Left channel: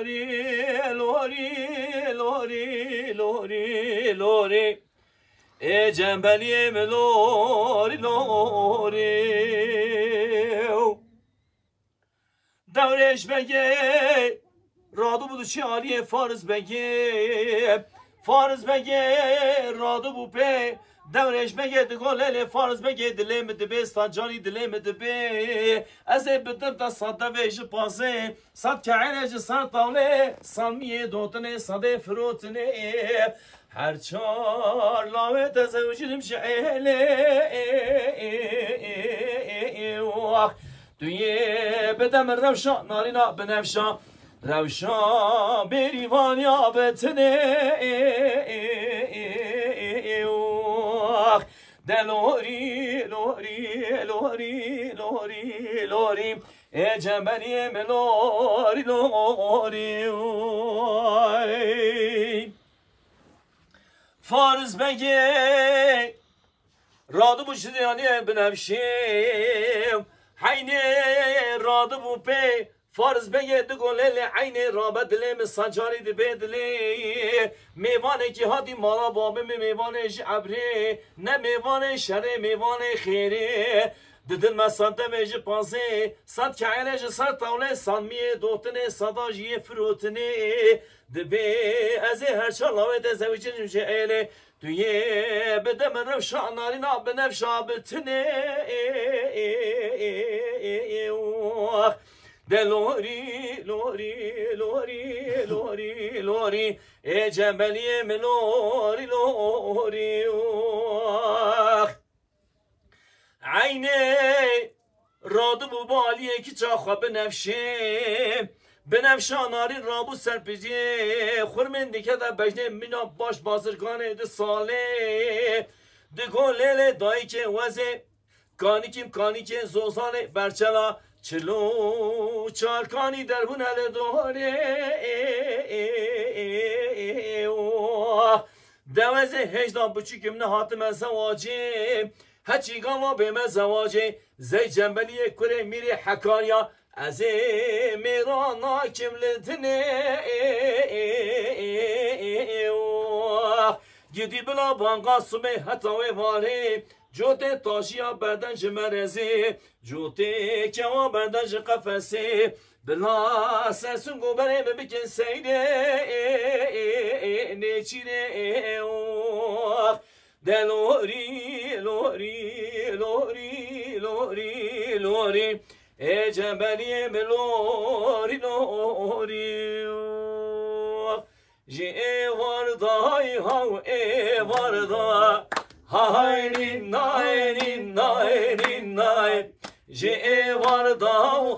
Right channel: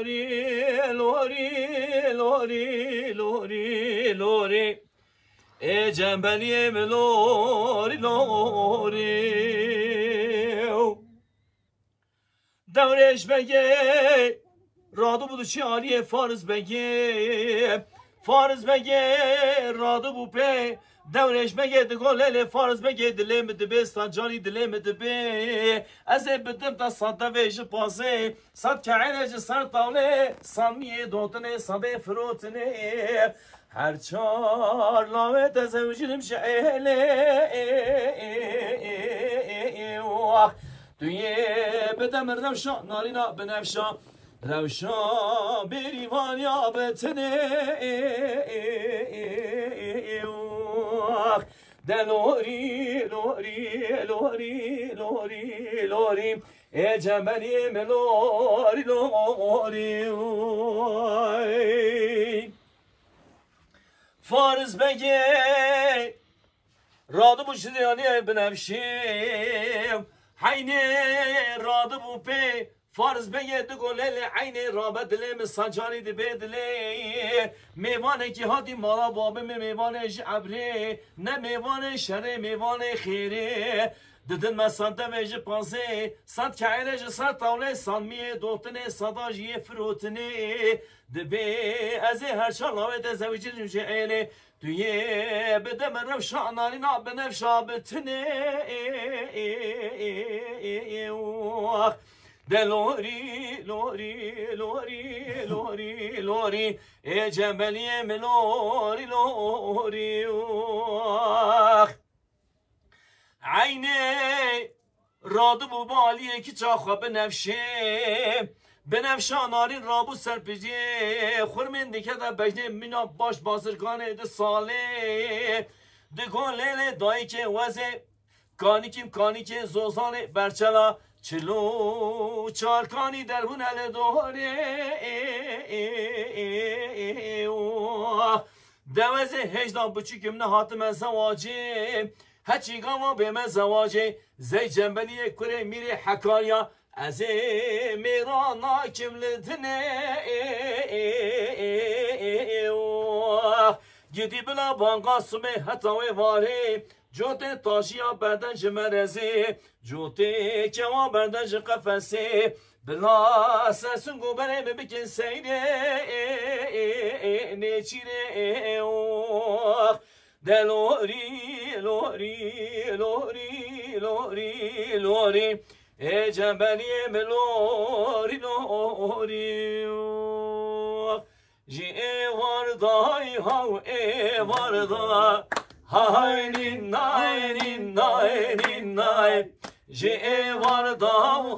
لوری لوری لوری لوری لوری ای جنبلیم لوری لوری دورش بگه رادو بودو چی عالیه فارز بگه فارز بگه رادو بو پی دورش بگه دگل فارز بگه دلم دبه جانی دلم دبه از بدم تا صد ویج پاسه صد کعرج سر طاوله سالمیه دوتنه صد فروتنه هر چار لاوه تزوجنم شعله دویه بدم روشا نارینا بنفشا روشا بریوان یا بتنه دلوری لوری لوری لوری لوری ای جنبلی لوری لوری فارز بگه رادو بو شدیانی بنفشیم حینه رادو بو پی فارز بگه دگوله عین رابط دلیم سنجاری دی بدلی میوانه که هادی مالا بابه میوانش عبره نه میوانه شره میوانه خیره ددن مسانته میجه پانسه صد کعیلش سر طاوله سانمیه دوتنه صداجیه فروتنه دبه از هر چالاوه ده زویجه نمشه ایله دویه بده من روشا نارینا بنفشا بتنه دلوری لوری لوری لوری لوری ای جنبلی لوری لوری عینه رادو بو بالیه که چاخوا بنفشه نارین رابو سرپیجه خورمنده که دا بجنه مینا باش بازرگانه ده ساله ده گوله دایی که وزه کانی که زوزانه برچلا چلو چارکانی در بون هل دوره دوزه هجدان بچیکم نه حاتم زواجه هچی گاما به من زواجه زی جنبلی کره میره حکاریا از میرانا کملتنه گیدی بلا بانگا سمه حتاوه واره جوته تاشیا بردن جمرزه جوته کوا بردن قفسه بلا سرسون گوبره ببکن سیره نچیره دلوری لوری لوری لوری لوری ای جنبلی لوری لوری جی واردای هاو ای واردا های نای نای نای جی واردا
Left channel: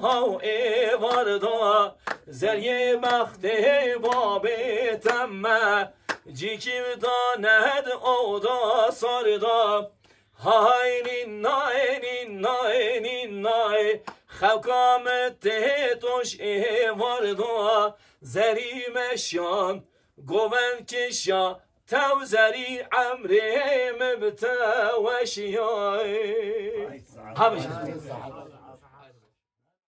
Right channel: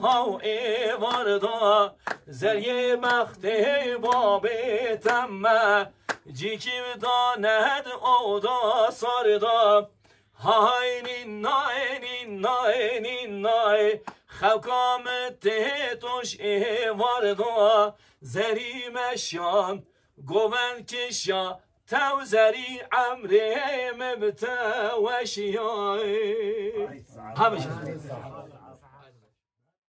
هاو ای واردا زریه مخته بابه تمه جی کی داند اودا ساردا های نای نای نای خلقامت توش ای واردا زری مشان گوون کشا تو زری عمري مبتا وشياي